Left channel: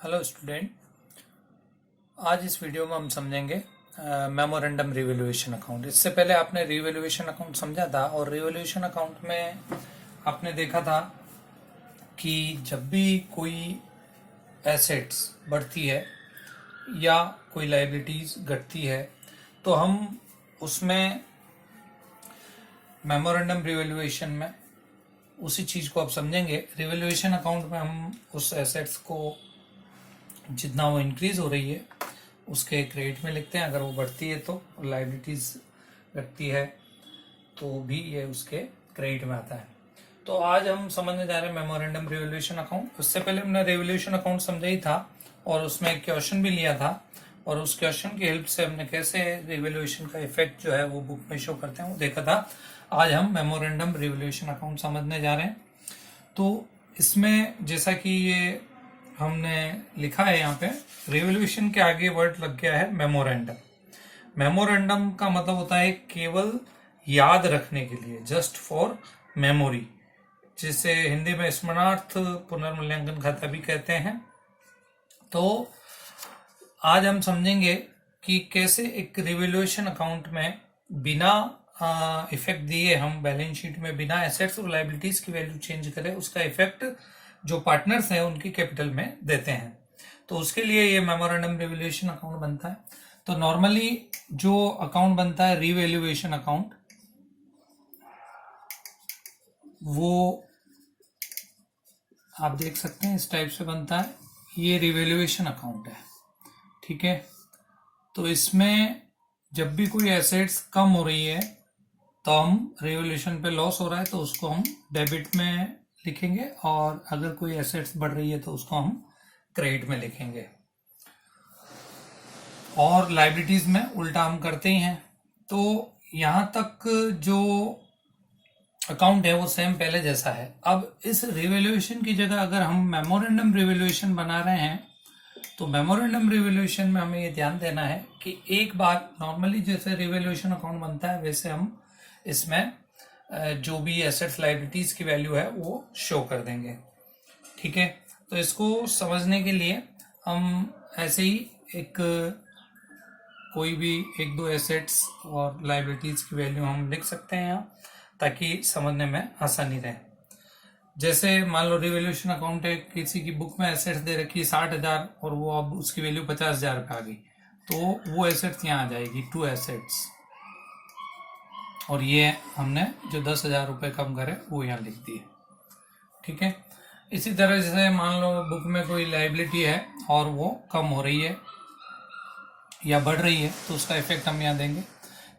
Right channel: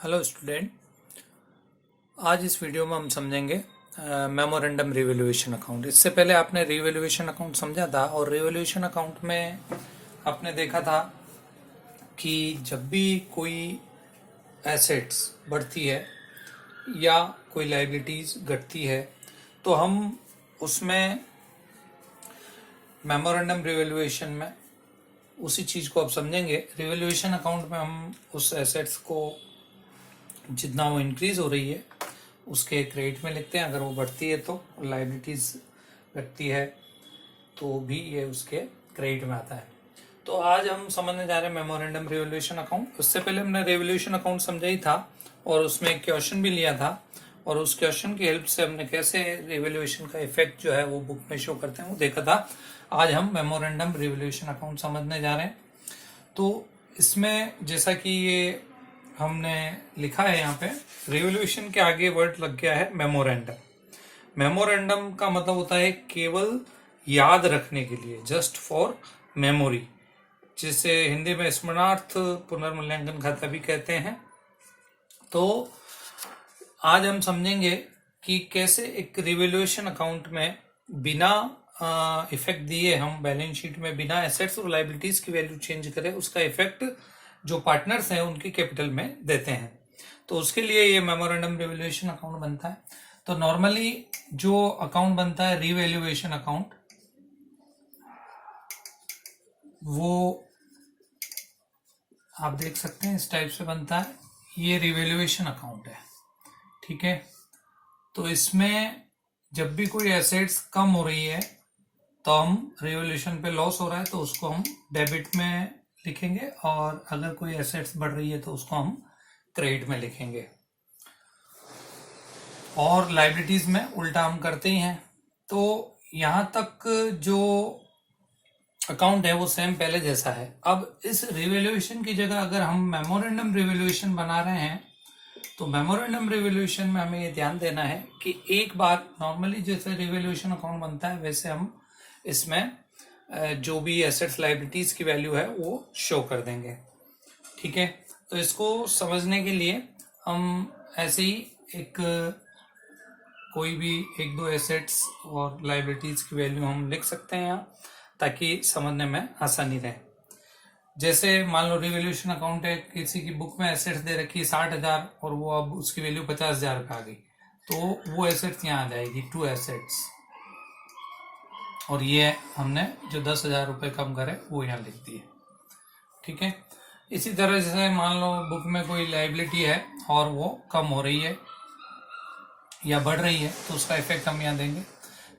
Hello student. आज इस video में हम समझेंगे मेमोरेंडम रिवैल्यूएशन अकाउंट। इससे पहले आपने रिवैल्यूएशन अकाउंट समझा था और रिवैल्यूएशन अकाउंट में आपने देखा था कि जब भी कोई एसेट्स बढ़ती है या कोई लायबिलिटीज घटती है तो हम उसमें मेमोरेंडम रिवैल्यूएशन में उसी चीज को अब समझेंगे। रिवैल्यूएशन अकाउंट में हम उस एसेट्स को जितना वो इंक्रीज हो रही है उसके क्रेडिट में लिखते हैं, अगर वो बढ़ती है तो, लाइबिलिटीज घटती है तो भी ये उसके क्रेडिट में आता है। तो आज हम समझने जा रहे हैं मेमोरेंडम रिवैल्यूएशन अकाउंट। उससे पहले हमने रिवैल्यूएशन अकाउंट समझा ही था और उसमें एक क्वेश्चन भी लिया था और उस क्वेश्चन की हेल्प से हमने कैसे रिवैल्यूएशन का इफेक्ट जो है वो बुक में शो करते हैं वो देखा था। आज हम मेमोरेंडम रिवैल्यूएशन अकाउंट समझने जा रहे हैं। तो इसमें जैसा कि ये हमने लिखा है यहाँ पे, रिवॉल्यूशन के आगे वर्ड लग गया है मेमोरेंडम। मेमोरेंडम का मतलब होता है केवल याद रखने के लिए, जस्ट फॉर मेमोरी, जिसे हिंदी में स्मरणार्थ पुनर्मूल्यांकन खाता भी कहते हैं। तो आज हम समझेंगे कि कैसे एक रिवॉल्यूशन अकाउंट में बिना इफेक्ट दिए हम बैलेंस शीट में बिना एसेट्स और लायबिलिटीज की वैल्यू चेंज करें, उसका इफेक्ट जो पार्टनर्स हैं उनकी कैपिटल में देते हैं। तो उसके लिए ये मेमोरेंडम रिवैल्यूएशन अकाउंट बनता है। तो नॉर्मली जो अकाउंट बनता है रिवैल्यूएशन अकाउंट, वो आप देख सकते हैं इस टाइप से बनता है। ये रिवैल्यूएशन अकाउंट है, ठीक है। तो इसमें जब भी कोई एसेट्स कम हो रही है तो हम रिवैल्यूएशन पे लॉस हो रहा है तो उसको हम डेबिट में लिखेंगे, और अगर कोई एसेट्स बढ़ रही है तो उसको हम क्रेडिट में लिखेंगे। और लायबिलिटीज में उल्टा हम करते ही हैं। तो यहां तक जो अकाउंट है वो सेम पहले जैसा है। अब इस रिवैल्यूएशन की जगह अगर हम मेमोरेंडम रिवैल्यूएशन बना रहे हैं तो मेमोरेंडम रिवैल्यूएशन में हमें ये ध्यान देना है कि एक बार नॉर्मली जैसे रिवैल्यूएशन अकाउंट बनता है वैसे हम इसमें जो भी एसेट्स लायबिलिटीज की वैल्यू है वो शो कर देंगे, ठीक है। तो इसको समझने के लिए हम ऐसे ही एक कोई भी एक दो एसेट्स और लायबिलिटीज की वैल्यू हम लिख सकते हैं यहाँ, ताकि समझने में आसानी रहे। जैसे मान लो रिवैल्यूएशन अकाउंट है, किसी की बुक में एसेट्स दे रखी 60,000 और वो अब उसकी वैल्यू 50,000 का आ गई, तो वो एसेट्स यहाँ आ जाएगी, 2 एसेट्स, और ये हमने जो 10,000 रुपये कम करे वो यहाँ लिख दिए, ठीक है। इसी तरह जैसे मान लो बुक में कोई लायबिलिटी है और वो कम हो रही है या बढ़ रही है तो उसका इफेक्ट हम यहाँ देंगे।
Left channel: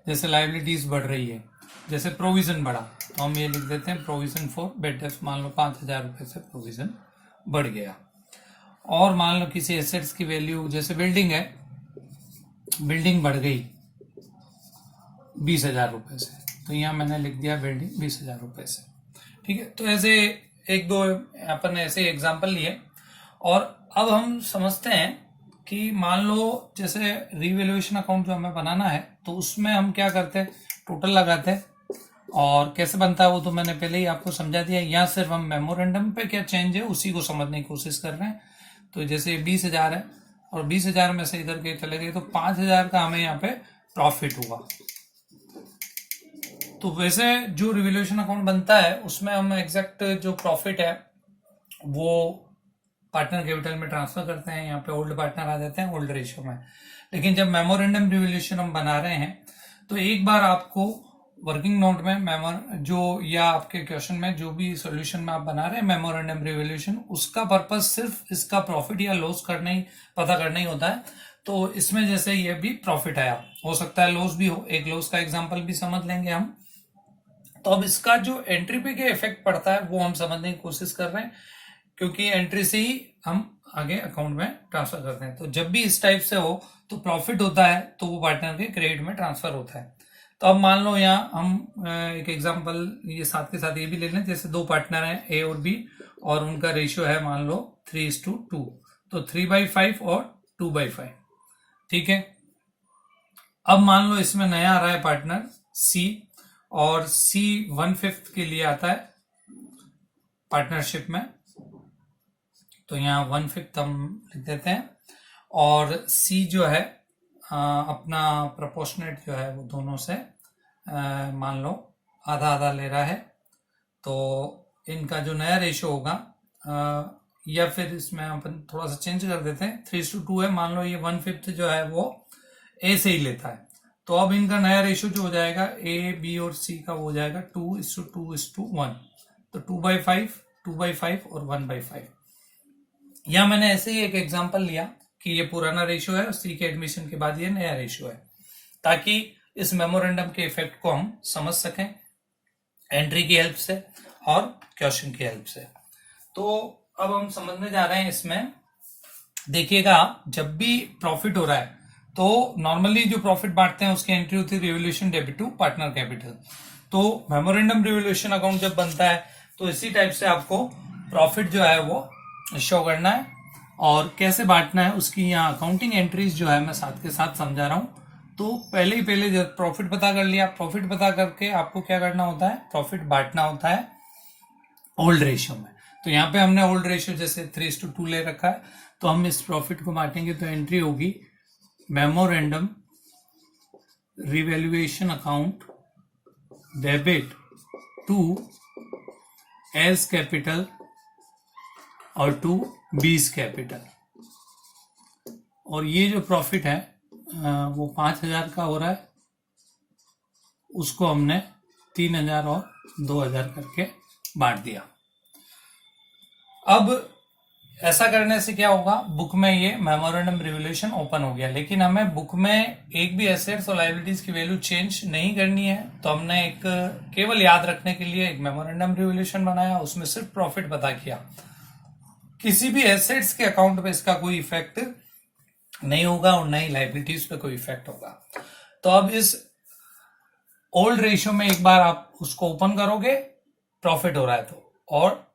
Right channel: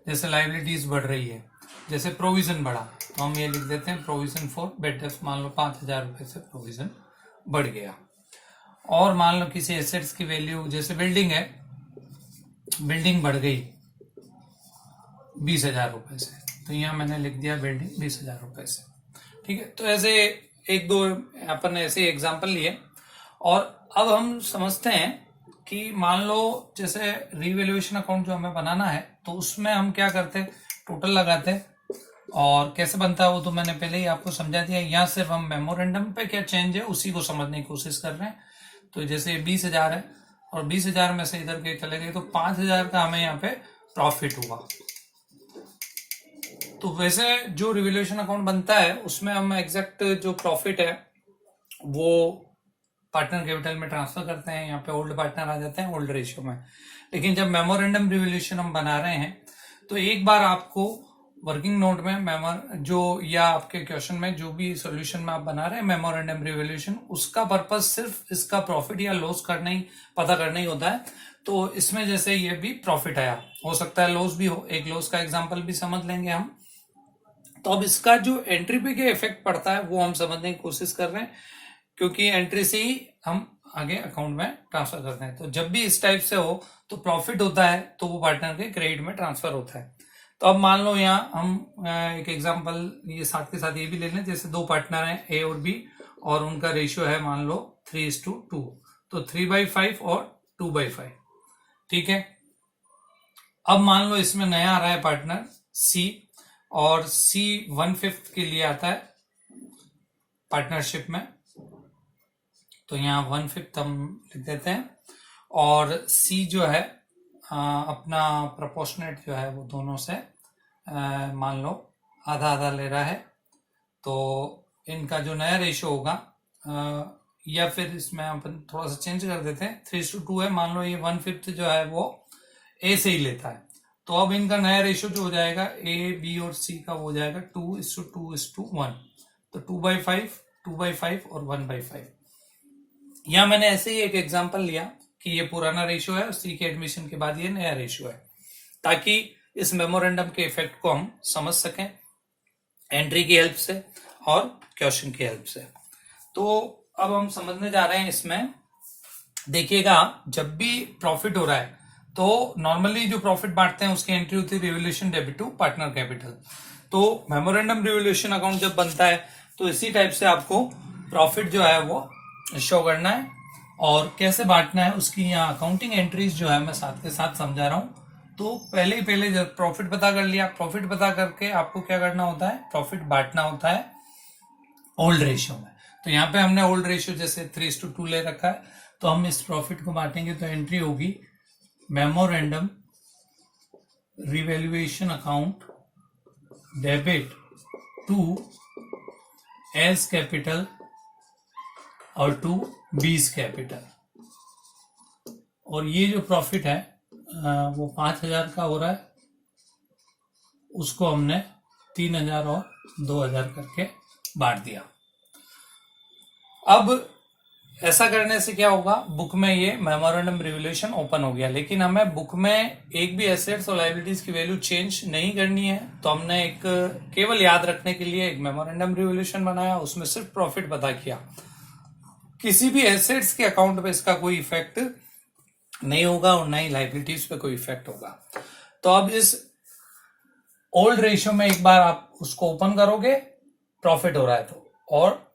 जैसे लायबिलिटीज बढ़ रही है, जैसे प्रोविजन बढ़ा तो हम ये लिख देते हैं प्रोविजन फॉर बेड डेप्ट। मान लो 5,000 रुपये से प्रोविजन बढ़ गया। और मान लो किसी एसेट्स की वैल्यू, जैसे बिल्डिंग है, बिल्डिंग बढ़ गई 20,000 रुपये से, तो यहाँ मैंने लिख दिया बिल्डिंग 20,000 रुपये से, ठीक है। तो ऐसे एक दो अपन ऐसे एग्जाम्पल लिए। और अब हम समझते हैं कि मान लो जैसे रिवैल्यूएशन अकाउंट जो हमें बनाना है तो उसमें हम क्या करते हैं, टोटल लगाते हैं। और कैसे बनता है वो तो मैंने पहले ही आपको समझा दिया। यहाँ सिर्फ हम मेमोरेंडम पे क्या चेंज है उसी को समझने की कोशिश कर रहे हैं। तो जैसे 20,000 है और 20,000 में से इधर के चले गए तो 5,000 का हमें यहाँ पे प्रॉफिट हुआ। तो वैसे जो रिवैल्यूएशन अकाउंट बनता है उसमें हम एग्जैक्ट जो प्रॉफिट है वो पार्टनर कैपिटल में ट्रांसफर करते हैं। यहाँ पे ओल्ड पार्टनर आ जाते हैं ओल्ड रेशियो में। लेकिन जब मेमोरेंडम रिवैल्यूएशन हम बना रहे हैं तो एक बार आपको वर्किंग नोट में जो या आपके क्वेश्चन में जो भी सॉल्यूशन में आप बना रहे हैं मेमोरेंडम रिवैल्यूएशन, उसका पर्पस सिर्फ इसका प्रॉफिट या लॉस करना ही, पता करना ही होता है। तो इसमें जैसे ये भी प्रॉफिट आया, हो सकता है लॉस भी हो, एक लॉस का एग्जाम्पल भी समझ लेंगे हम। तो अब इसका जो एंट्री पे क्या इफेक्ट पड़ता है वो हम समझने की कोशिश कर रहे हैं, क्योंकि एंट्री से ही हम आगे अकाउंट में ट्रांसफर करते हैं। तो जब भी इस टाइप से हो तो प्रॉफिट होता है तो वो पार्टनर के क्रेडिट में ट्रांसफर होता है। तो अब मान लो यहाँ हम एक एग्जांपल ये साथ के साथ ये भी ले लें। जैसे दो पार्टनर हैं ए और बी और उनका रेशियो है मान लो 3:2, तो 3/5 और 2/5, ठीक है। अब मान लो इसमें नया आ रहा है पार्टनर सी, और सी 1/5 के लिए आता है पार्टनरशिप में, तो यहाँ 1/5 हम लिख देते हैं। और सी जो है अपना प्रोपोर्शनेट जो है वो दोनों से मान लो आधा आधा ले रहा है, तो इनका जो नया रेशियो होगा या फिर इसमें अपन थोड़ा सा चेंज कर देते हैं, 3:2 है, मान लो ये 1/5 जो है वो ए से ही लेता है, तो अब इनका नया रेशियो जो हो जाएगा ए बी और सी का वो हो जाएगा 2:2:1, तो 2/5, 2/5 और 1/5। यहां मैंने ऐसे ही एक एग्जांपल लिया कि ये पुराना रेशियो है और सी के एडमिशन के बाद ये नया रेशियो है, ताकि इस मेमोरेंडम के इफेक्ट को हम समझ सकें एंट्री की हेल्प से और क्वेश्चन की हेल्प से। तो अब हम समझने जा रहे हैं इसमें। देखिएगा, जब भी प्रॉफिट हो रहा है तो नॉर्मली जो प्रॉफिट बांटते हैं उसकी एंट्री होती है revolution debit to partner capital. तो मेमोरेंडम रिवोल्यूशन अकाउंट जब बनता है तो इसी टाइप से आपको प्रॉफिट जो है वो शो करना है, और कैसे बांटना है उसकी यहाँ अकाउंटिंग एंट्रीज जो है मैं साथ के साथ समझा रहा हूं। तो पहले जब प्रॉफिट पता कर लिया, प्रॉफिट पता करके आपको क्या करना होता है, प्रॉफिट बांटना होता है ओल्ड रेशियो में। तो यहाँ पे हमने ओल्ड रेशियो जैसे 3:2 ले रखा है, तो हम इस प्रॉफिट को बांटेंगे तो एंट्री होगी memorandum revaluation account debit to S capital और टू बीस कैपिटल। और ये जो प्रॉफिट है वो 5,000 का हो रहा है, उसको हमने 3,000 और 2,000 करके बांट दिया। अब ऐसा करने से क्या होगा, बुक में ये मेमोरेंडम रिवोल्यूशन ओपन हो गया, लेकिन हमें बुक में एक भी एसेट्स और लायबिलिटीज की वैल्यू चेंज नहीं करनी है। तो हमने एक केवल याद रखने के लिए एक मेमोरेंडम रिवोल्यूशन बनाया, उसमें सिर्फ प्रॉफिट पता किया। किसी भी एसेट्स के अकाउंट पे इसका कोई इफेक्ट नहीं होगा और नहीं लायबिलिटीज पे कोई इफेक्ट होगा। तो अब इस ओल्ड रेशियो में एक बार आप उसको ओपन करोगे, प्रॉफिट हो रहा है तो, और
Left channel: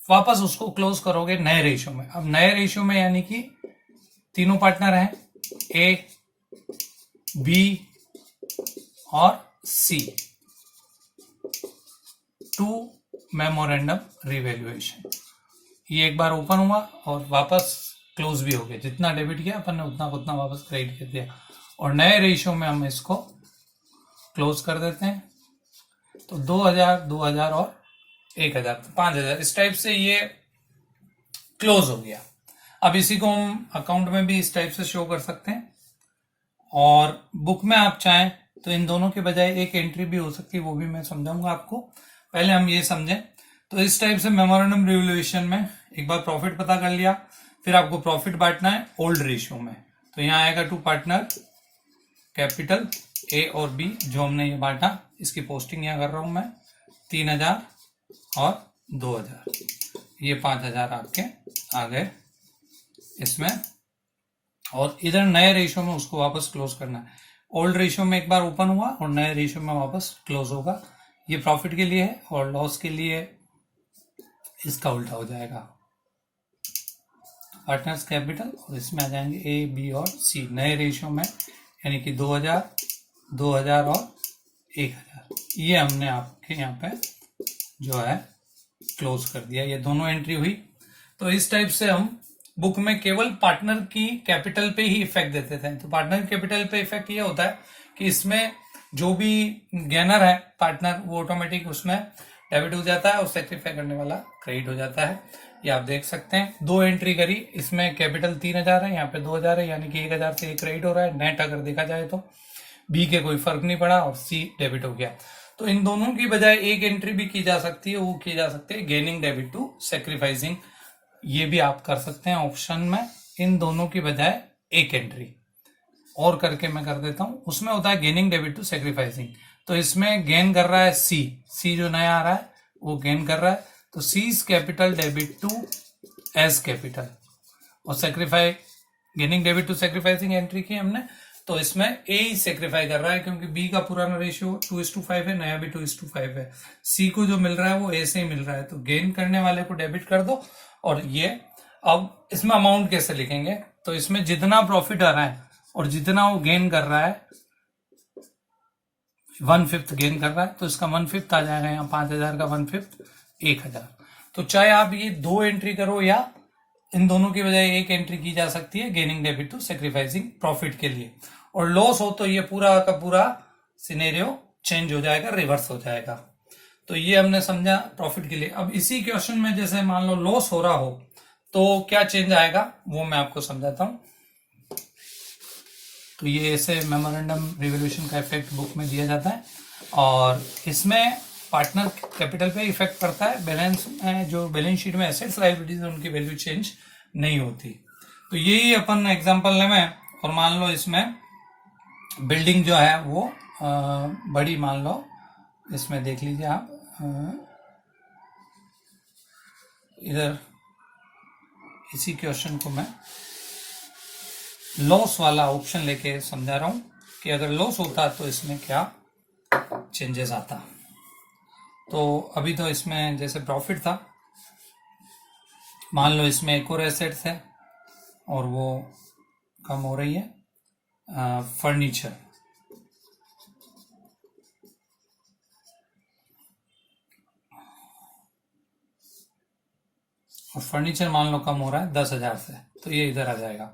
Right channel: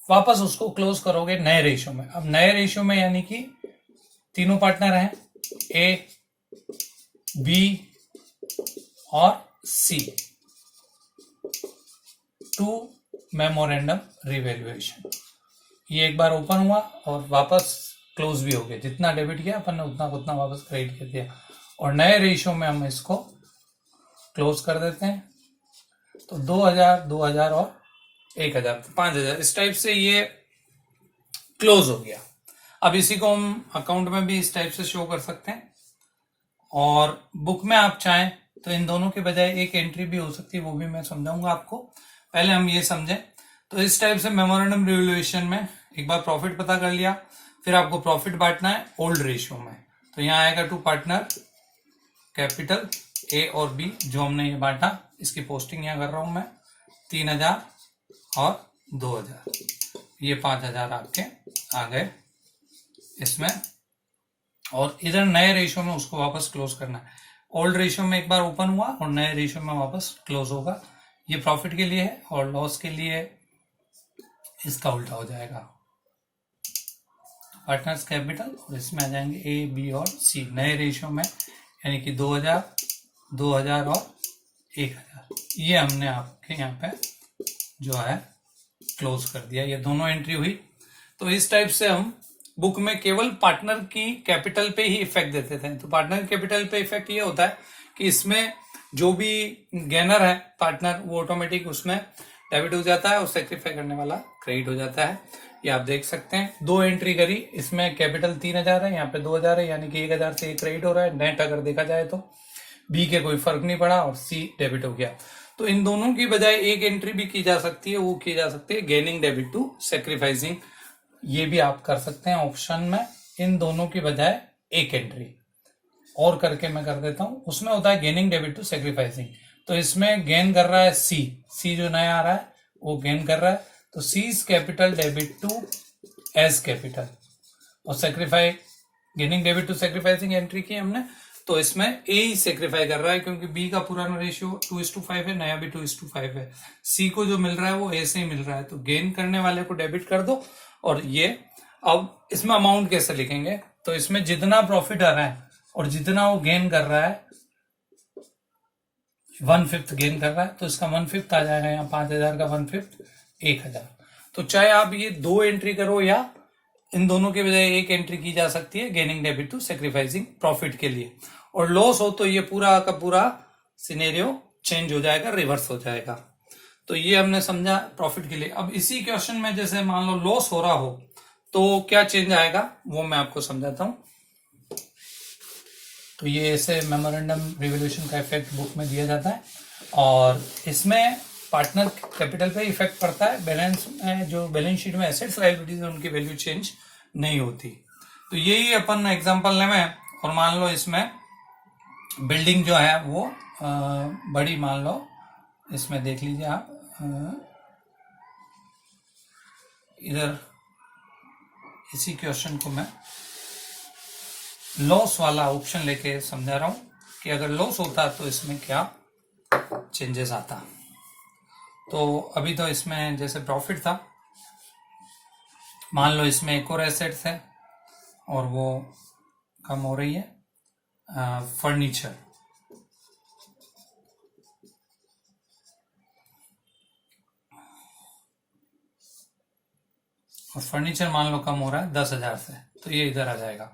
वापस उसको क्लोज करोगे नए रेशियो में। अब नए रेशियो में यानी कि तीनों पार्टनर हैं, ए बी और सी, टू मेमोरेंडम रिवैल्यूएशन। ये एक बार ओपन हुआ और वापस क्लोज भी हो गया, जितना डेबिट किया अपन ने उतना वापस क्रेडिट कर दिया, और नए रेशियो में हम इसको क्लोज कर देते हैं। तो 2,000, 2,000 और 1,000, 5,000, इस टाइप से ये क्लोज हो गया। अब इसी को हम अकाउंट में भी इस टाइप से शो कर सकते हैं, और बुक में आप चाहें तो इन दोनों के बजाय एक एंट्री भी हो सकती है, वो भी मैं समझाऊंगा आपको। पहले हम ये समझें। तो इस टाइप से मेमोरेंडम रिवोल्यूशन में एक बार प्रॉफिट पता कर लिया, फिर आपको प्रॉफिट बांटना है ओल्ड रेशियो में। तो यहाँ आएगा टू पार्टनर कैपिटल ए और बी, जो हमने ये बांटा, इसकी पोस्टिंग यहाँ कर रहा हूं मैं, 3,000 और 2,000, ये 5,000 आपके आ गए इसमें। और इधर नए रेशियो में उसको वापस क्लोज करना है। ओल्ड रेशियो में एक बार ओपन हुआ और नए रेशियो में वापस क्लोज होगा। ये प्रॉफिट के लिए है, और लॉस के लिए इसका उल्टा हो जाएगा, पार्टनर्स कैपिटल, और इसमें आ जाएंगे ए बी और सी नए रेशियो में, यानी कि 2,000, 2,000 और 1,000। ये हमने आपके यहाँ पे जो है क्लोज कर दिया, ये दोनों एंट्री हुई। तो इस टाइप से हम बुक में केवल पार्टनर की कैपिटल पे ही इफेक्ट देते थे। तो पार्टनर कैपिटल पे इफेक्ट ये होता है कि इसमें जो भी गेनर है पार्टनर, वो ऑटोमेटिक उसमें डेबिट हो जाता है और सेक्रीफाई करने वाला क्रेडिट हो जाता है। ये आप देख सकते हैं, दो एंट्री करी, इसमें कैपिटल 3,000 है, यहाँ पे 2,000 है, यानी कि 1,000 से क्रेडिट हो रहा है। नेट अगर देखा जाए तो बी के कोई फर्क नहीं पड़ा और सी डेबिट हो गया। तो इन दोनों की बजाय एक एंट्री भी की जा सकती है, वो की जा सकती है गेनिंग डेबिट टू सेक्रीफाइसिंग। ये भी आप कर सकते हैं ऑप्शन में, इन दोनों की बजाय एक एंट्री और करके मैं कर देता हूं। उसमें होता है गेनिंग डेबिट टू सेक्रीफाइसिंग। तो इसमें गेन कर रहा है सी जो नया आ रहा है वो गेन कर रहा है, तो C's capital debit to S capital, और sacrifice gaining debit to sacrificing entry की हमने। तो इसमें ए ही सेक्रीफाई कर रहा है, क्योंकि बी का पुराना रेशियो 2:5 है, नया भी 2:5 है। सी को जो मिल रहा है वो ए से ही मिल रहा है, तो गेन करने वाले को डेबिट कर दो। और ये अब इसमें अमाउंट कैसे लिखेंगे, तो इसमें जितना प्रॉफिट आ रहा है और जितना वो गेन कर रहा है, 1/5 गेन कर रहा है, तो इसका 1/5 आ जाएगा यहाँ, 5,000 का 1/5 1,000। तो चाहे आप ये दो एंट्री करो या इन दोनों के बजाय एक एंट्री की जा सकती है gaining debit to sacrificing profit के लिए, और लॉस हो तो ये पूरा का पूरा सिनेरियो चेंज हो जाएगा, रिवर्स हो जाएगा। तो ये हमने समझा प्रॉफिट के लिए। अब इसी क्वेश्चन में जैसे मान लो लॉस हो रहा हो तो क्या चेंज आएगा वो मैं आपको समझाता हूं। तो ये ऐसे मेमोरेंडम रिवोल्यूशन का इफेक्ट बुक में दिया जाता है, और इसमें पार्टनर कैपिटल पे इफेक्ट पड़ता है। बैलेंस में जो बैलेंस शीट में एसेट्स लायबिलिटीज है उनकी वैल्यू चेंज नहीं होती। तो यही अपन एग्जांपल लें, और मान लो इसमें बिल्डिंग जो है वो बड़ी मान लो, इसमें देख लीजिए आप, इधर इसी क्वेश्चन को मैं लॉस वाला ऑप्शन लेके समझा रहा हूं कि अगर लॉस होता तो इसमें क्या चेंजेस आता। तो अभी तो इसमें जैसे प्रॉफिट था, मान लो इसमें एक और एसेट्स है और वो कम हो रही है, फर्नीचर। और फर्नीचर मान लो कम हो रहा है 10,000 से, तो ये इधर आ जाएगा।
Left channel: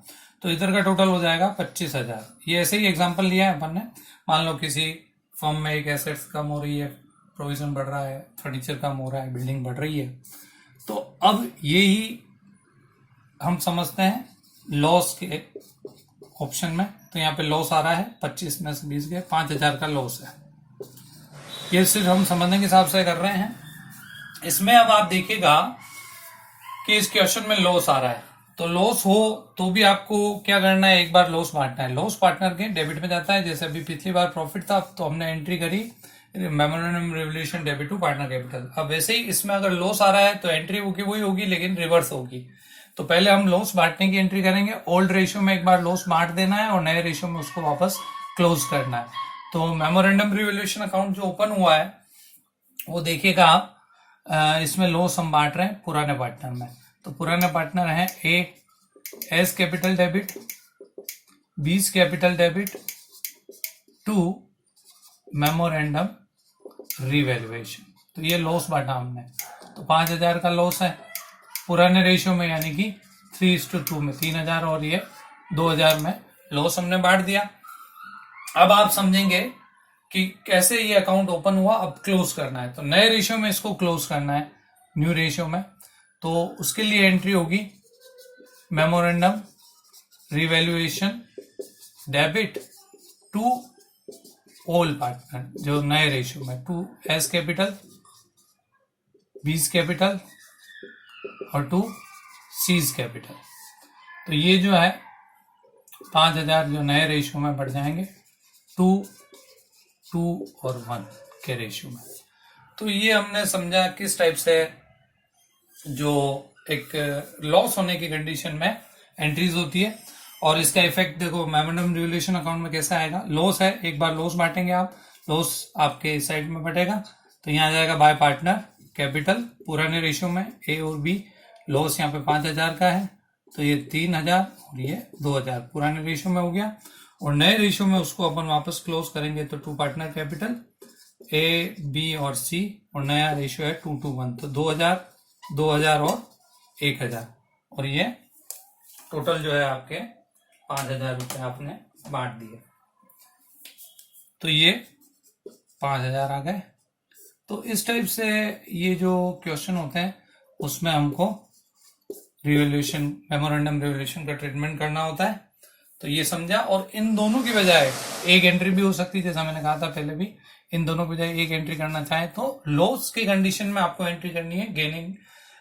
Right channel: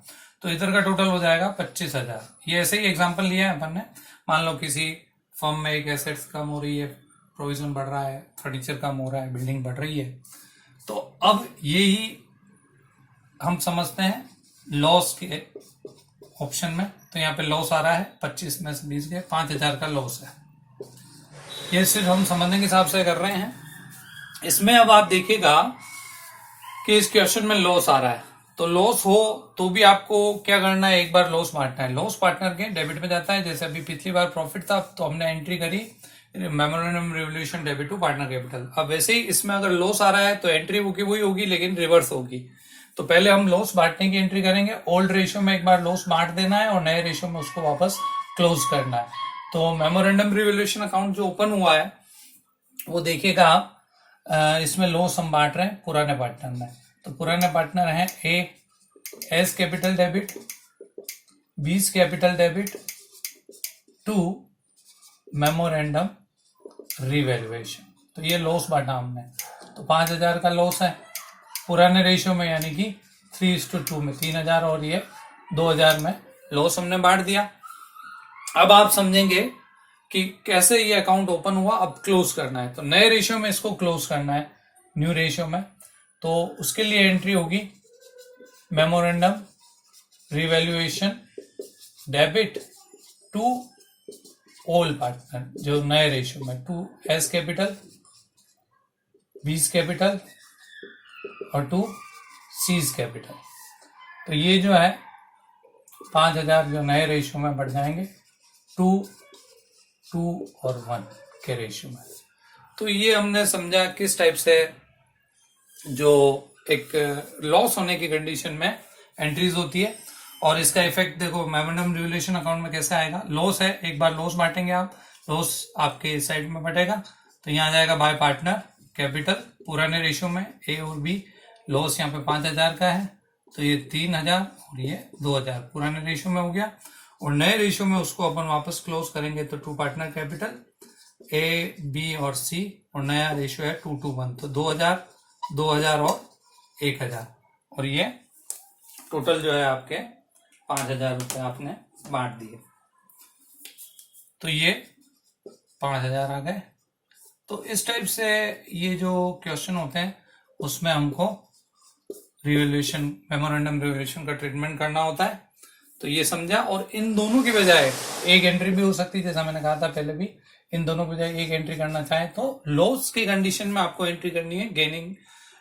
तो इधर का टोटल हो जाएगा 25,000। ये ऐसे ही एग्जांपल लिया है अपन ने। मान लो किसी फर्म में एक एसेट्स कम हो रही है, प्रोविजन बढ़ रहा है, फर्नीचर कम हो रहा है, बिल्डिंग बढ़ रही है। तो अब यही हम समझते हैं लॉस के ऑप्शन में। तो यहाँ पे लॉस आ रहा है 25 में से 20 गए, 5,000 का लॉस है। ये सिर्फ हम समझने के हिसाब से कर रहे हैं। इसमें अब आप देखिएगा कि इस क्वेश्चन में लॉस आ रहा है, तो लॉस हो तो भी आपको क्या करना है, एक बार लॉस बांटना है। लॉस पार्टनर के डेबिट में जाता है। जैसे अभी पिछली बार प्रॉफिट था तो हमने एंट्री करी memorandum revolution debit to partner capital. अब वैसे ही इसमें अगर लॉस आ रहा है तो एंट्री वही होगी, लेकिन रिवर्स होगी। तो पहले हम लॉस बांटने की एंट्री करेंगे। ओल्ड रेशियो में एक बार लॉस बांट देना है और नए रेशियो में उसको वापस क्लोज करना है। तो मेमोरेंडम रिवोल्यूशन अकाउंट जो ओपन हुआ है वो देखिएगा आप, इसमें लॉस हम बांट रहे हैं पुराने पार्टनर में। तो पुराने पार्टनर है A's capital debit, B's capital debit to memorandum revaluation. तो ये लॉस बांटा हमने, तो 5,000 का लॉस है पुराने रेशियो में, यानी कि 3:2 में 3,000 और ये 2,000 में लॉस हमने बांट दिया। अब आप समझेंगे कि कैसे ये अकाउंट ओपन हुआ, अब क्लोज करना है। तो नए रेशियो में इसको क्लोज करना है, न्यू रेशियो में। तो उसके लिए एंट्री होगी memorandum revaluation debit to all partner, जो नए रेशियो में, टू एस कैपिटल, 20 कैपिटल और टू सीज कैपिटल। तो ये जो है 5,000 जो नए रेशियो में बढ़ जाएंगे 2 और 1 के रेशियो में। तो ये हमने समझा किस टाइप से जो एक लॉस होने की कंडीशन में एंट्रीज होती है। और इसका इफेक्ट देखो मेमोरेंडम रिवोल्यूशन अकाउंट में कैसे आएगा। लॉस है, एक बार लॉस बांटेंगे आप, लॉस आपके साइड में बटेगा। तो यहाँ आ जाएगा बाय पार्टनर कैपिटल पुराने रेशियो में ए और बी। लॉस यहाँ पे 5,000 का है, तो ये 3,000 और ये 2,000 पुराने रेशियो में हो गया। और नए रेशियो में उसको अपन वापस क्लोज करेंगे तो to partner capital A B और सी, और नया रेशियो है 2:1। तो 2,000 2,000 और 1,000, और ये टोटल जो है आपके 5,000 रुपये आपने बांट दिए। तो ये 5,000 आ गए। तो इस टाइप से ये जो क्वेश्चन होते हैं उसमें हमको रिवोल्यूशन मेमोरेंडम रिवोल्यूशन का ट्रीटमेंट करना होता है। तो ये समझा। और इन दोनों की बजाय एक एंट्री भी हो सकती है, जैसा मैंने कहा था पहले भी, इन दोनों की बजाय एक एंट्री करना चाहे तो लॉस की कंडीशन में आपको एंट्री करनी है gaining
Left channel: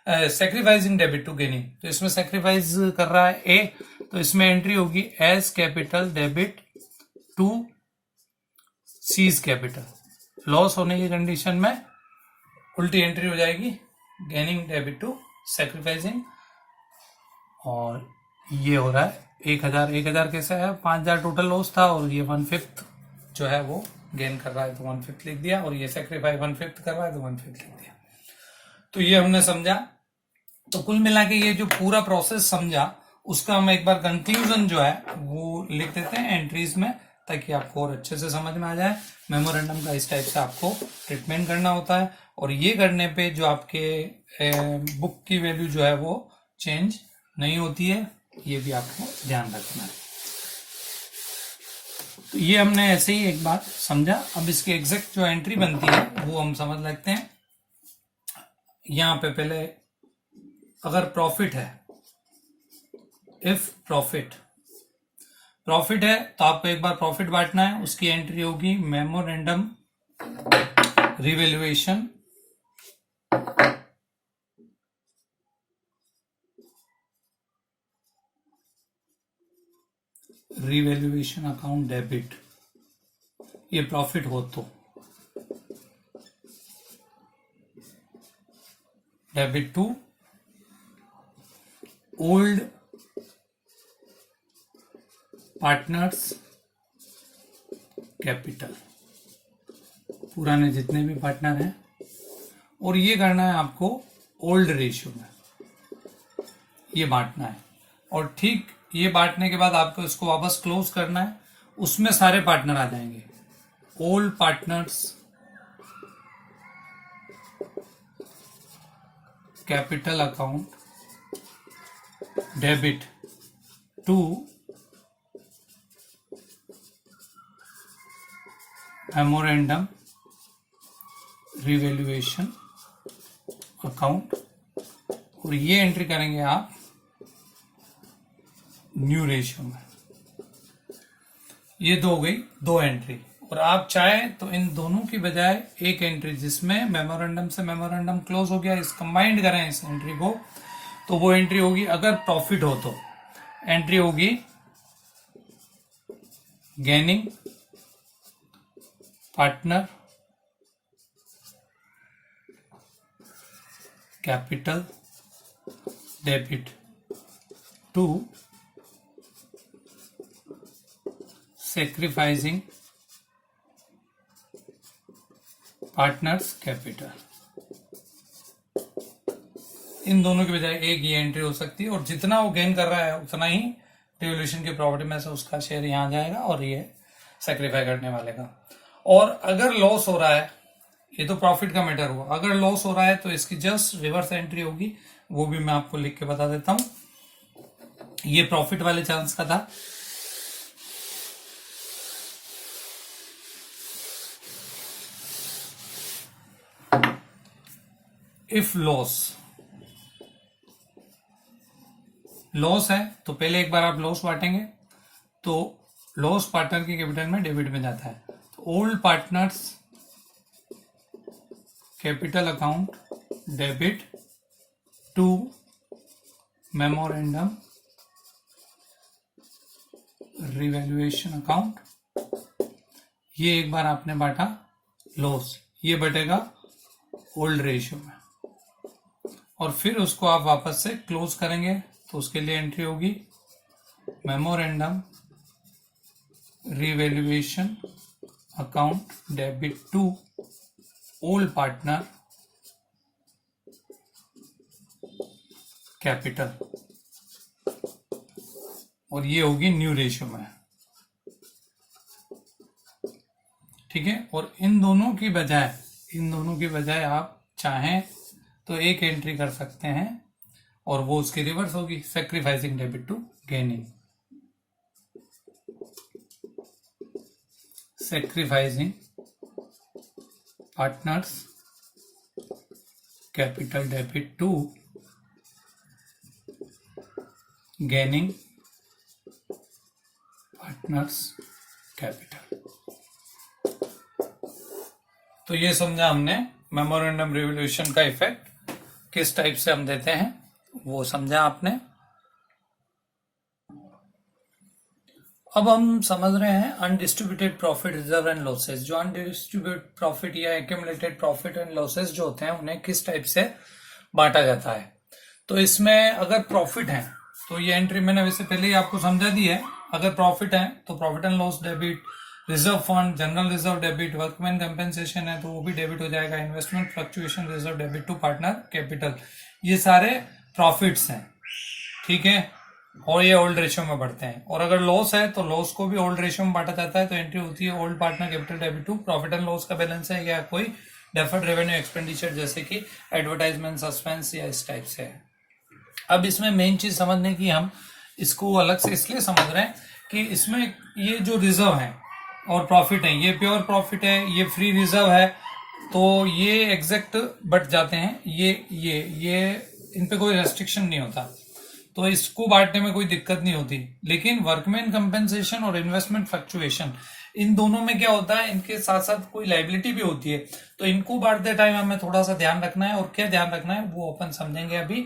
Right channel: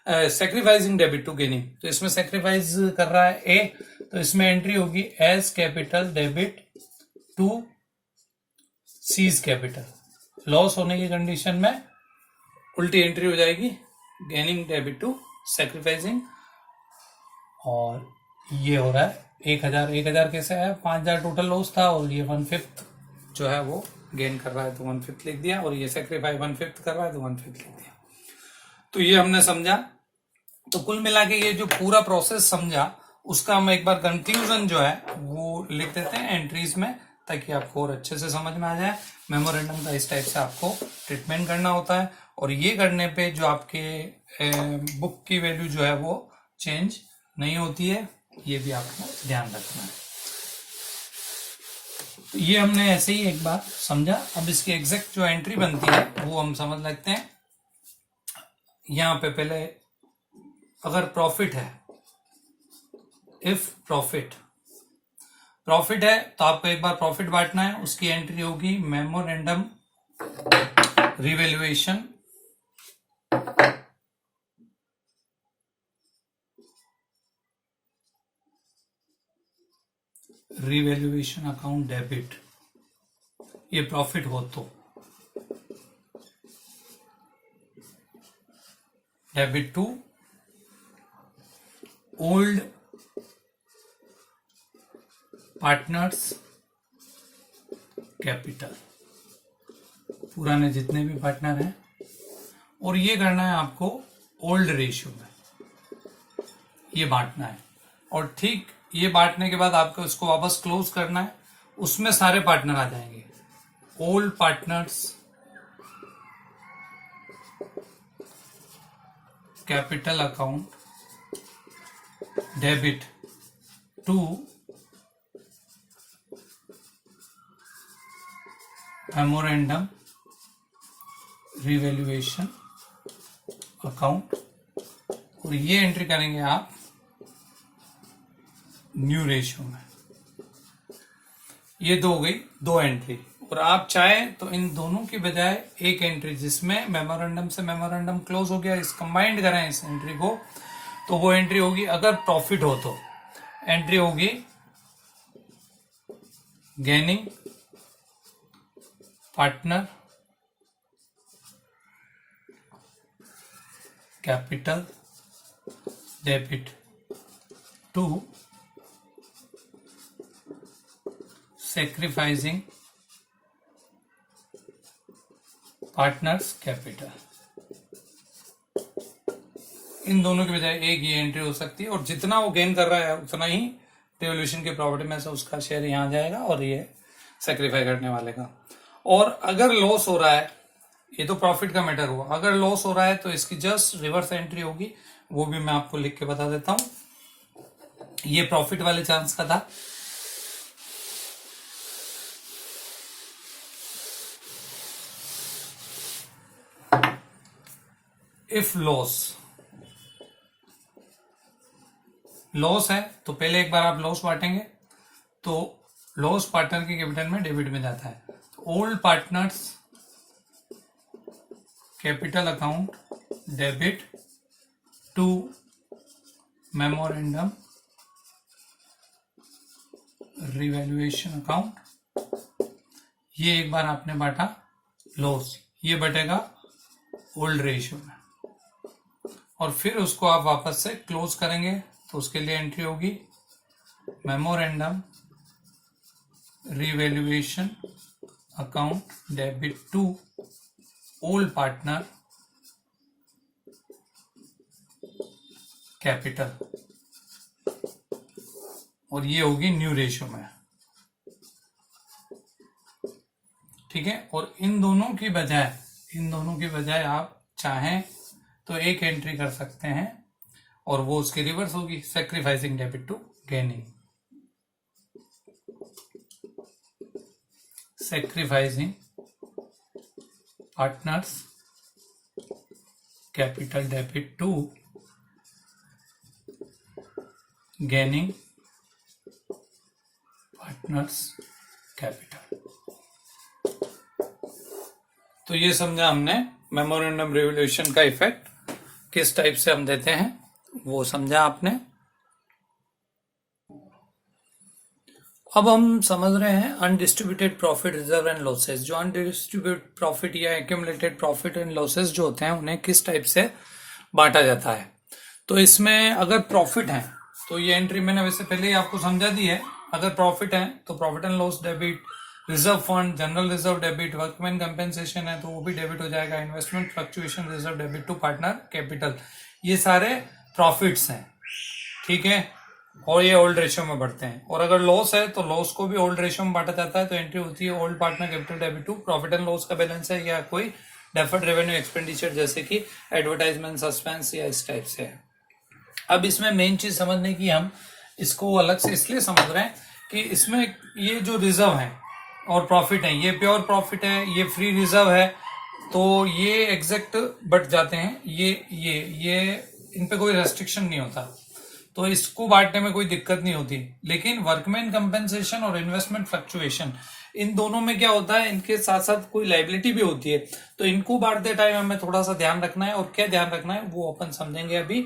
sacrificing debit to gaining. तो इसमें सेक्रीफाइस कर रहा है ए, तो इसमें एंट्री होगी A's capital debit to C's capital. Loss होने की कंडीशन में उल्टी एंट्री हो जाएगी गेनिंग डेबिट टू सेक्रीफाइसिंग। और ये हो रहा है 1,000 1,000 कैसे है, 5,000 टोटल लॉस था और ये 1/5 जो है वो गेन कर रहा है तो 1/5 लिख दिया, और ये सेक्रीफाइस 1/5 कर रहा है तो 1/5 लिख दिया। तो ये हमने समझा। तो कुल मिला के ये जो पूरा प्रोसेस समझा उसका हम एक बार कंक्लूजन जो है वो लिख देते हैं एंट्रीज में, ताकि आपको और अच्छे से समझ में आ जाए। मेमोरेंडम का इस टाइप से आपको ट्रीटमेंट करना होता है, और ये करने पे जो आपके बुक की वैल्यू जो है वो चेंज नहीं होती है, ये भी आपको ध्यान रखना है। तो ये हमने ऐसे ही एक बात समझा। अब इसकी एग्जैक्ट जो एंट्री बनती है वो हम समझ लेते हैं। यहां पे पहले अगर प्रॉफिट है, इफ प्रॉफिट है तो आपको एक बार प्रॉफिट बांटना है, उसकी एंट्री होगी मेमोरेंडम रिवैल्यूएशन अकाउंट डेबिट, ये प्रॉफिट हो तो debit to old partners capital, पुराने जितने भी पार्टनर हैं, और ये करना है आपको ओल्ड रेशियो में, ये बांटना है। और ठीक ये बांटने के बाद आपको इसको वापस क्लोज करना है, उसमें सारे पार्टनर आ जाएंगे। Old partners capital account debit to memorandum revaluation account, और ये एंट्री करेंगे आप न्यू रेशियो में। ये हो गई दो एंट्री। और आप चाहे तो इन दोनों की बजाय एक एंट्री जिसमें मेमोरेंडम से मेमोरेंडम क्लोज हो गया, इस कंबाइंड करें इस एंट्री को, तो वो एंट्री होगी अगर प्रॉफिट हो तो एंट्री होगी gaining partner capital debit to sacrificing partners capital. इन दोनों के बजाय एक ही एंट्री हो सकती है, और जितना वो गेन कर रहा है उतना ही रिवोल्यूशन की प्रॉपर्टी में से उसका शेयर यहां आ जाएगा और ये सैक्रिफाई करने वाले का। और अगर लॉस हो रहा है, ये तो प्रॉफिट का मैटर हुआ, अगर लॉस हो रहा है तो इसकी जस्ट रिवर्स एंट्री होगी, वो भी मैं आपको लिख के बता देता हूं। ये प्रॉफिट वाले चांस का था। इफ लॉस है तो पहले एक बार आप लॉस बांटेंगे, तो लॉस पार्टनर के कैपिटल में डेबिट में जाता है। तो old partners capital account debit to memorandum revaluation account. ये एक बार आपने बांटा लॉस, ये बटेगा ओल्ड रेशियो में, और फिर उसको आप वापस से क्लोज करेंगे, तो उसके लिए एंट्री होगी memorandum revaluation account debit to old partner capital, और ये होगी न्यू रेशियो में। ठीक है। और इन दोनों की बजाय आप चाहें तो एक एंट्री कर सकते हैं, और वो उसकी रिवर्स होगी, sacrificing debit to gaining, sacrificing partners capital debit to gaining partners capital. तो ये समझा हमने मेमोरेंडम रिवोल्यूशन का इफेक्ट किस टाइप से हम देते हैं, वो समझा आपने। अब हम समझ रहे हैं undistributed profit reserve and losses. जो अनडिस्ट्रीब्यूटेड प्रॉफिट या एक्यूमुलेटेड प्रॉफिट एंड लॉसेस जो होते हैं उन्हें किस टाइप से बांटा जाता है। तो इसमें अगर प्रॉफिट है तो ये एंट्री मैंने वैसे पहले ही आपको समझा दी है। अगर प्रॉफिट है तो profit and loss debit, reserve fund general reserve debit, workman compensation है तो वो भी डेबिट हो जाएगा, investment fluctuation reserve debit to partner capital, ये सारे प्रॉफिट्स हैं। ठीक है। और ये ओल्ड रेशियो में बढ़ते हैं। और अगर लॉस है तो लॉस को भी ओल्ड रेशियो में बांटा जाता है, तो एंट्री होती है old partner capital debit to profit and loss का बैलेंस है, या कोई डेफर्ड रेवेन्यू एक्सपेंडिचर जैसे कि एडवर्टाइजमेंट, सस्पेंस या इस टाइप से है। अब इसमें मेन चीज समझने की, हम इसको अलग से इसलिए समझ रहे हैं कि इसमें ये जो रिजर्व है और प्रॉफिट है, ये प्योर प्रॉफिट है, ये फ्री रिजर्व है, तो ये एग्जैक्ट बट जाते हैं, ये इन पे कोई रेस्ट्रिक्शन नहीं होता, तो इसको बांटने में कोई दिक्कत नहीं होती। लेकिन वर्कमैन कंपेंसेशन और इन्वेस्टमेंट फ्लक्चुएशन, इन दोनों में क्या होता है, इनके साथ साथ कोई लाइबिलिटी भी होती है, तो इनको बांटते टाइम हमें थोड़ा सा ध्यान रखना है। और क्या ध्यान रखना है वो अपन समझेंगे अभी,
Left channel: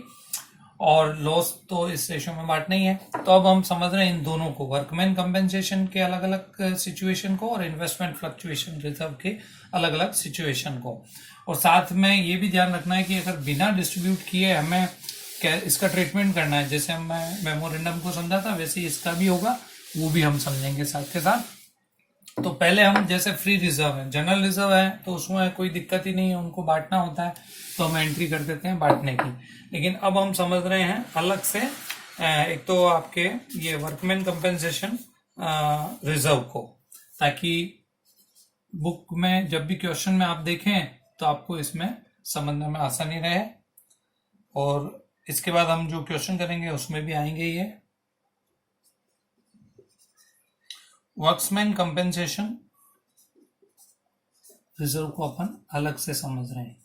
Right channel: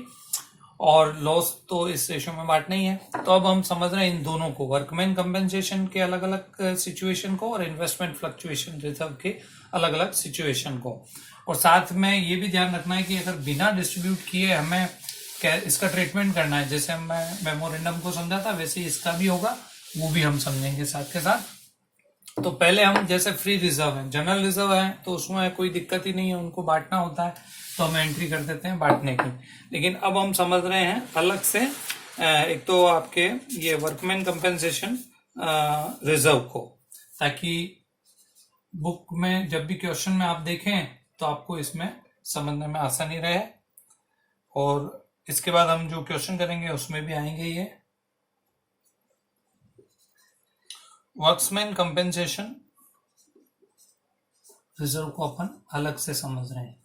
और लॉस तो इस रेशियो में बांटना ही है। तो अब हम समझ रहे हैं इन दोनों को, वर्कमैन कंपेंसेशन के अलग अलग सिचुएशन को और इन्वेस्टमेंट फ्लक्चुएशन रिजर्व के अलग अलग सिचुएशन को। और साथ में ये भी ध्यान रखना है कि अगर बिना डिस्ट्रीब्यूट किए हमें इसका ट्रीटमेंट करना है, जैसे मैं मेमोरेंडम को समझा था वैसे ही इसका भी होगा, वो भी हम समझेंगे साथ के साथ। तो पहले हम जैसे फ्री रिजर्व है, जनरल रिजर्व है, तो उसमें कोई दिक्कत ही नहीं है, उनको बांटना होता है तो हम एंट्री कर देते हैं बांटने की। लेकिन अब हम समझ रहे हैं अलग से, एक तो आपके ये वर्कमैन कंपेंसेशन रिजर्व को, ताकि बुक में जब भी क्वेश्चन में आप देखें तो आपको इसमें समझने में आसानी रहे। और इसके बाद हम जो क्वेश्चन करेंगे उसमें भी आएंगे ये वर्कमैन कंपेंसेशन रिजर्व को अपन अलग से समझ रहे हैं।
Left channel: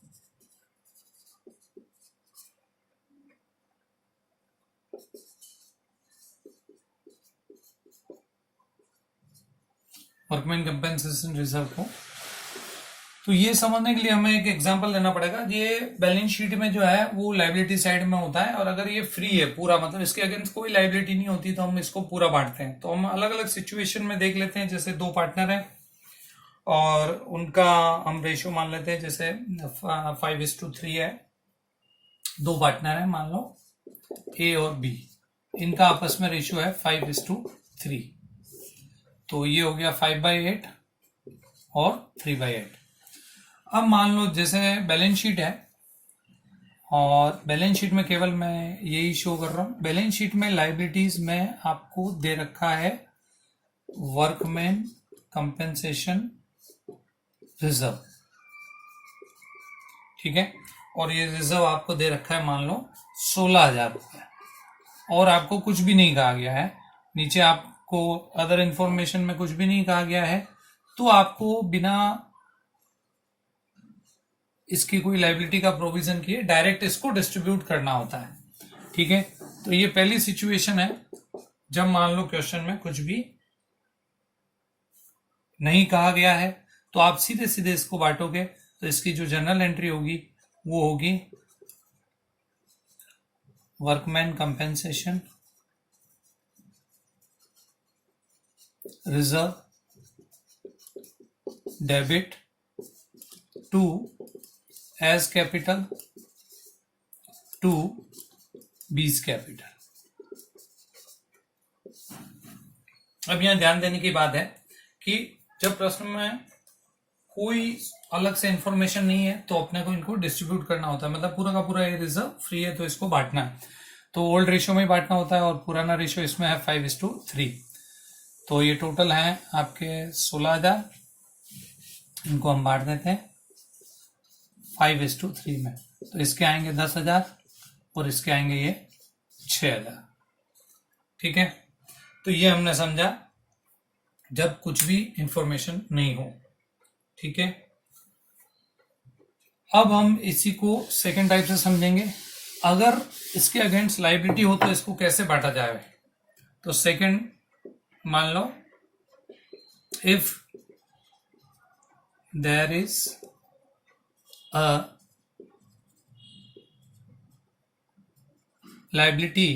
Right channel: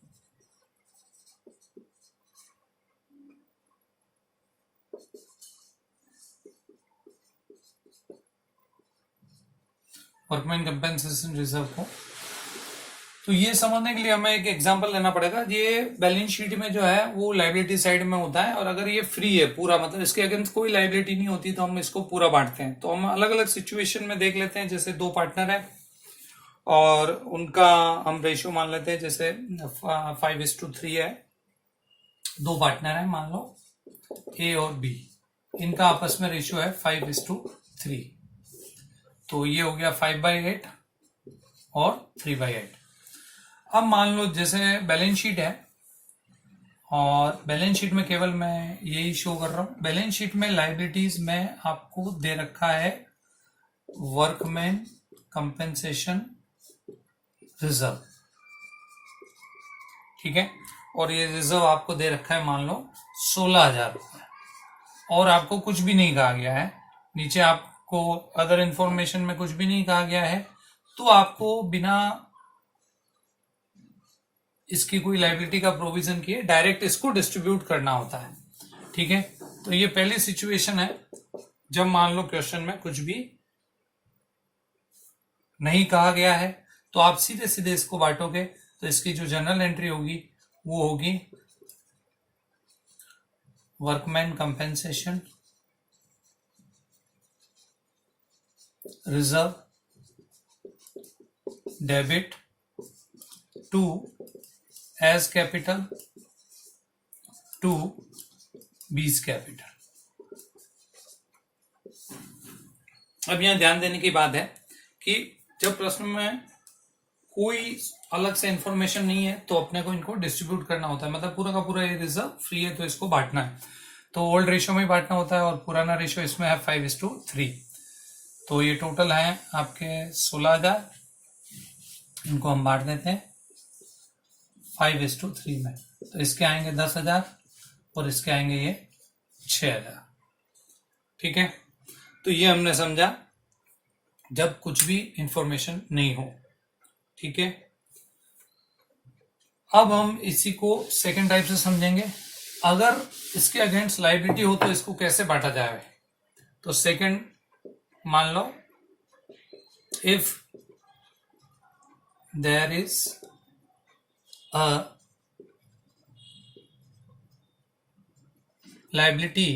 वर्कमैन कंपेंसेशन रिजर्व को, तो ये समझने के लिए हमें एक एग्जांपल लेना पड़ेगा। ये बैलेंस शीट में जो है वो लायबिलिटी साइड में होता है, और अगर ये फ्री है पूरा, मतलब इसके अगेंस्ट कोई लायबिलिटी नहीं होती, तो हम इसको पूरा बांटते हैं। तो हम अलग अलग सिचुएशन में देख लेते हैं, जैसे दो पार्टनर है और उनका हम रेशियो मान लेते हैं, जैसे 5:3 है, दो पार्टनर है मान लो ए और बी, इनका आपस में रेशियो है 5:3, तो ये हो गया 5/8 और 3/8। अब मान लो जैसे बैलेंस शीट है, और बैलेंस शीट में केवल मैं यही शो कर रहा हूं, बैलेंस शीट में लाइबिलिटीज में आपको दे रखा है वर्कमैन कंपेंसेशन रिजर्व, ठीक है, और ये रिजर्व आपको दे रखा है मान लो 16,000 रुपये, और आपको कुछ भी नहीं कहा गया है, नीचे आपको अदर इंफॉर्मेशन में कुछ भी नहीं कहा गया है, तो आपको बिना इसकी कोई लाइबिलिटी का प्रोविजन किए डायरेक्ट इसको डिस्ट्रीब्यूट करना होता है, ठीक है। तो ये पहली सिचुएशन है, जब मान लो क्वेश्चन में कुछ भी नहीं कहा गया है, तो आप सीधे सीधे इसको बांटोगे, तो इसकी जो जनरल एंट्री होगी वो होगी workman compensation reserve debit to A's capital to B's capital. अब यहां ध्यान देने की बात है कि जब प्रश्न में कोई अलग से इंफॉर्मेशन नहीं है, तो अपने को इनको डिस्ट्रीब्यूट करना होता है, मतलब पूरा का पूरा ये रिजर्व फ्री है तो इसको बांटना है, तो ओल्ड रेशियो में ही बांटना होता है, और पुराना रेशियो इसमें है 5:3। तो ये टोटल है आपके 16,000, इनको हम बांट देते हैं 5:3 में, तो इसके आएंगे 10,000 और इसके आएंगे ये 6,000, ठीक है। तो ये हमने समझा जब कुछ भी इंफॉर्मेशन नहीं हो, ठीक है। अब हम इसी को सेकंड टाइप से समझेंगे, अगर इसके अगेंस्ट लायबिलिटी हो तो इसको कैसे बांटा जाए। तो सेकंड मान लो, if there is a liability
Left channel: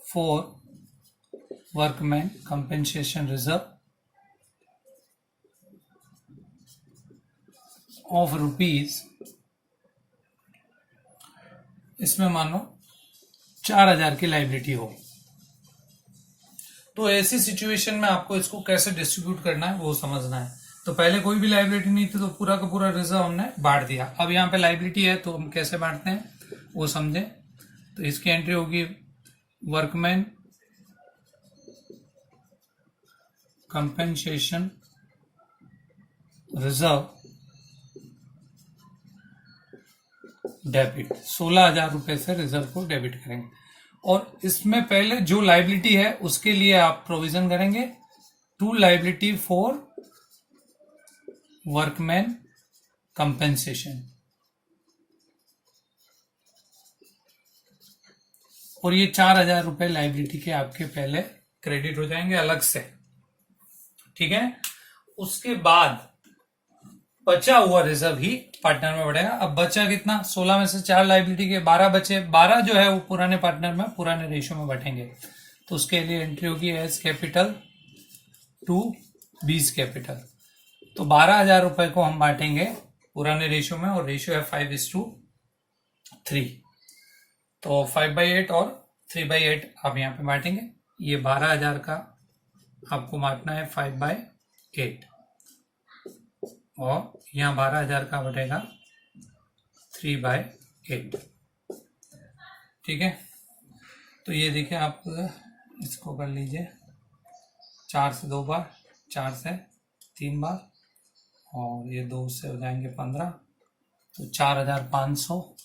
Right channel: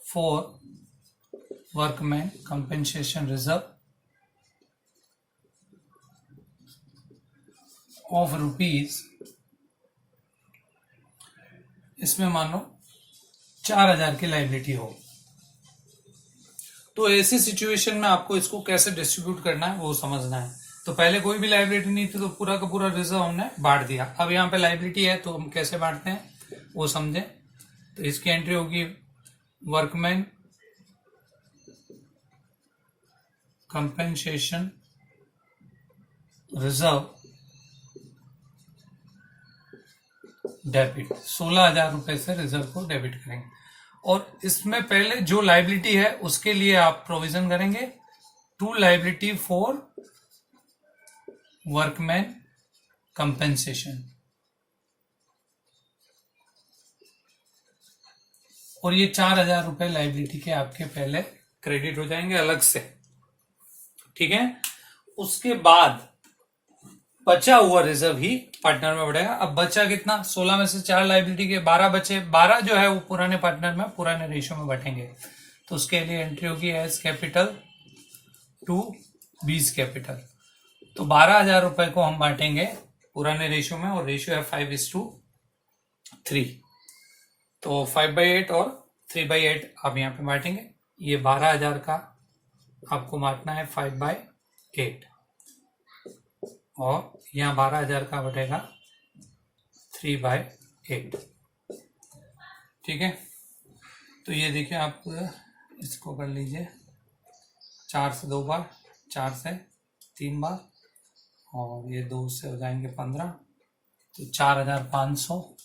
for workman compensation reserve of rupees, इसमें मान लो 4,000 की लाइबिलिटी हो, तो ऐसी सिचुएशन में आपको इसको कैसे डिस्ट्रीब्यूट करना है वो समझना है। तो पहले कोई भी लाइबिलिटी नहीं थी, तो पूरा का पूरा रिजर्व हमने बांट दिया। अब यहाँ पे लाइबिलिटी है, तो हम कैसे बांटते हैं वो समझे। तो इसकी एंट्री होगी वर्कमैन कंपेंसेशन रिजर्व डेबिट, 16,000 रुपए से रिजर्व को डेबिट करेंगे। और इसमें पहले जो लाइबिलिटी है उसके लिए आप प्रोविजन करेंगे, to liability for workman compensation, और ये 4,000 रुपए लाइबिलिटी के आपके पहले क्रेडिट हो जाएंगे अलग से, ठीक है। उसके बाद बचा हुआ रिजर्व ही पार्टनर में बढ़ेगा। अब बचा कितना, 16 में से 4 लाइबिलिटी के 12 बचे, 12 जो है वो पुराने पार्टनर में पुराने रेशियो में बैठेंगे। तो उसके लिए एंट्री होगी A's capital to B's capital. तो 12,000 रुपए को हम बांटेंगे पुराने रेशियो में, और रेशियो है 5:3। तो 5/8 और 3/8 आप यहाँ पे बांटेंगे। ये 12,000 का आपको बांटना है 5/8, और यहाँ 12,000 का बटेगा 3/8, ठीक है। तो ये देखिए, आप इसको कर लीजिए, 4 से 2 बार, 4 से 3 बार, और ये 2 से हो जाएंगे 15, तो 4,500,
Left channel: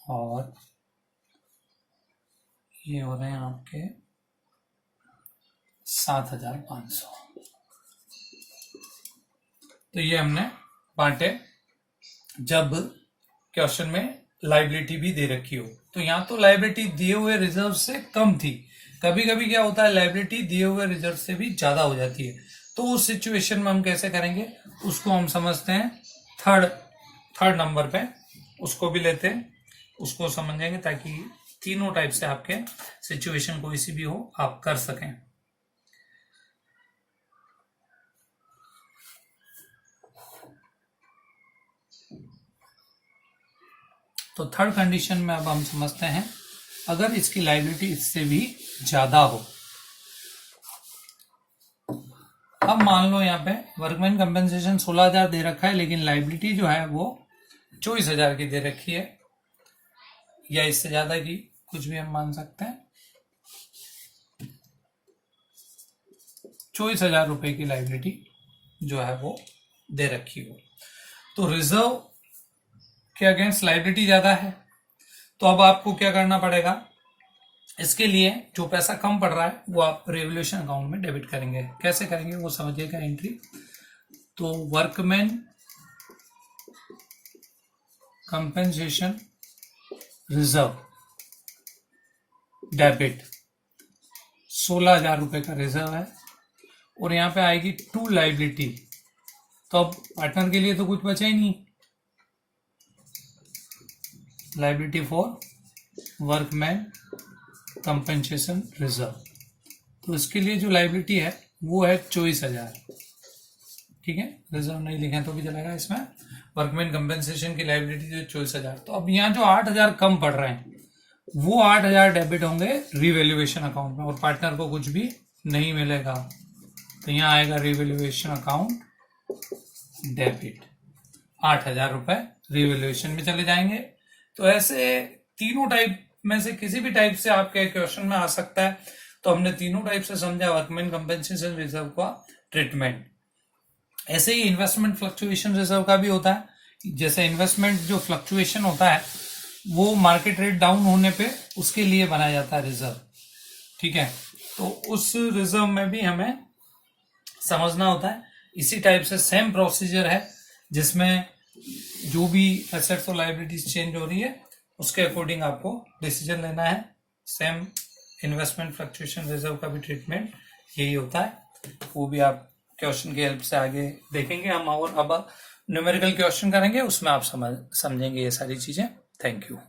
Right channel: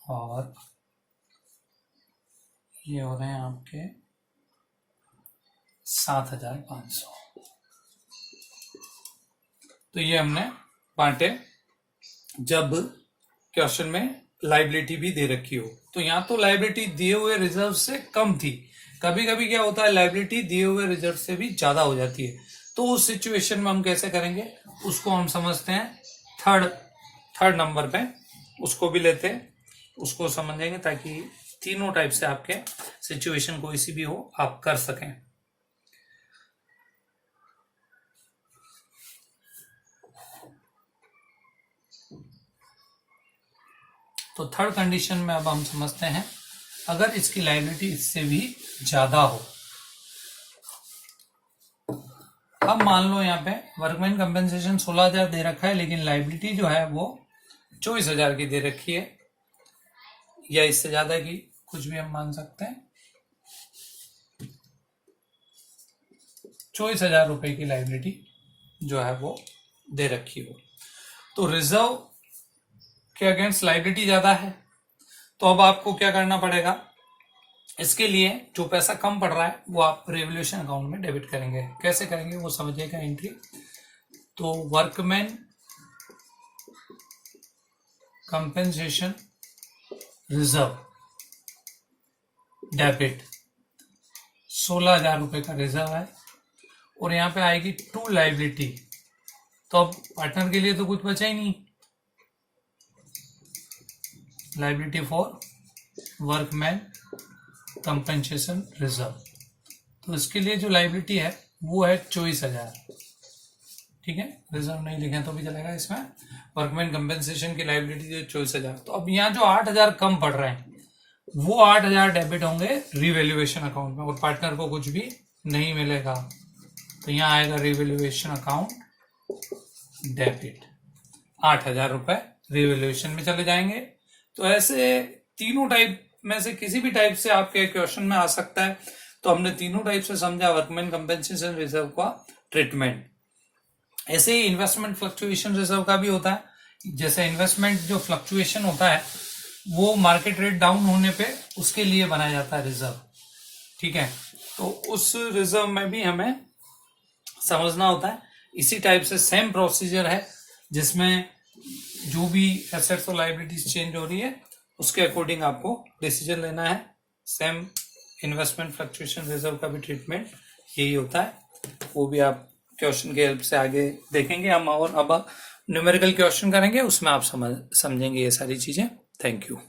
और ये हो रहे हैं आपके 7,500। तो ये हमने बांटे जब क्वेश्चन में लाइबिलिटी भी दे रखी हो। तो यहाँ तो लाइबिलिटी दिए हुए रिजर्व से कम थी, कभी कभी क्या होता है लाइबिलिटी दिए हुए रिजर्व से भी ज्यादा हो जाती है। तो उस सिचुएशन में हम कैसे करेंगे, उसको हम समझते हैं थर्ड नंबर पे, उसको भी लेते हैं, उसको समझेंगे ताकि तीनों टाइप से आपके सिचुएशन कोई सी भी हो आप कर सकें। तो थर्ड कंडीशन में अब हम समझते हैं, अगर इसकी लायबिलिटी इससे भी ज्यादा हो। अब मान लो यहाँ पे वर्कमैन कंपेंसेशन 16,000 दे रखा है, लेकिन लायबिलिटी जो है वो 24,000 की दे रखी है, या इससे ज्यादा की, कुछ भी हम मान सकते हैं। 24,000 रुपए की लायबिलिटी जो है वो दे रखी हो, तो रिजर्व के अगेंस्ट लायबिलिटी ज्यादा है। तो अब आपको क्या करना पड़ेगा, इसके लिए जो पैसा कम पड़ रहा है वो आप रेवोल्यूशन अकाउंट में डेबिट करेंगे। कैसे करेंगे वो समझिएगा एंट्री। तो वर्कमैन कंपेंसेशन रिजर्व डेबिट, 16,000 रुपए का रिजर्व है, और यहां पे आएगी टू लायबिलिटी। तो अब पार्टनर के लिए तो कुछ बचा ही नहीं, liability for workman compensation reserve. तो इसके लिए जो लायबिलिटी है वो है 24,000, ठीक है। रिजर्व नहीं लिखे तो भी चलेगा, इसमें वर्कमैन कंपेंसेशन की लायबिलिटी जो 24,000। तो अब यहाँ जो 8,000 कम पड़ रहे हैं वो 8,000 डेबिट होंगे रिवैल्यूएशन अकाउंट में, और पार्टनर को कुछ भी नहीं मिलेगा। तो यहाँ आएगा रिवैल्यूएशन अकाउंट डेबिट, 8,000 रुपए रिवैल्यूएशन में चले जाएंगे। तो ऐसे तीनों टाइप में से किसी भी टाइप से आपके क्वेश्चन में आ सकता है। तो हमने तीनों टाइप से समझा वर्कमैन कंपेंसेशन रिजर्व का ट्रीटमेंट। ऐसे ही इन्वेस्टमेंट फ्लक्चुएशन रिजर्व का भी होता है। जैसे इन्वेस्टमेंट जो फ्लक्चुएशन होता है वो मार्केट रेट डाउन होने पे उसके लिए बनाया जाता है रिजर्व, ठीक है। तो उस रिजर्व में भी हमें समझना होता है। इसी टाइप से सेम प्रोसीजर है, जिसमें जो भी एसेट्स और लायबिलिटीज चेंज हो रही है उसके अकॉर्डिंग आपको डिसीजन लेना है। सेम इन्वेस्टमेंट फ्लक्चुएशन रिजर्व का भी ट्रीटमेंट यही होता है। वो भी आप क्वेश्चन की हेल्प से आगे देखेंगे हम, और अब न्यूमेरिकल क्वेश्चन करेंगे, उसमें आप समझेंगे ये सारी चीजें। Thank you.